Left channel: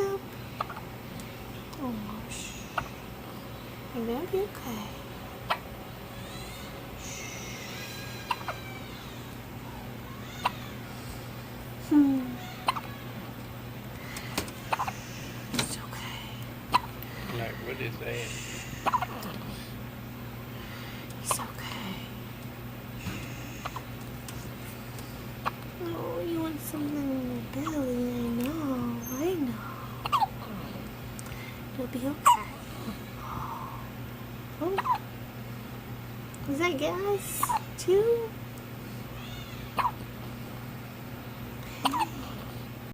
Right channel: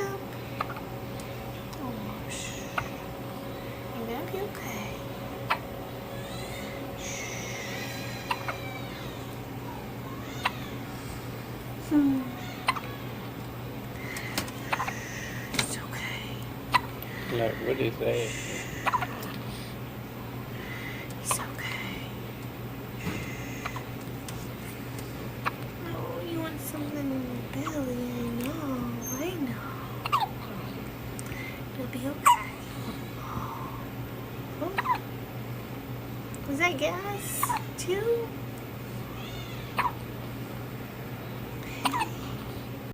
up. Oh, shh. I'm gonna be okay. It's okay. Like, what did he say? It's okay. Oh, you want something Billy? I know. You'll be okay. Oh, was that gas too?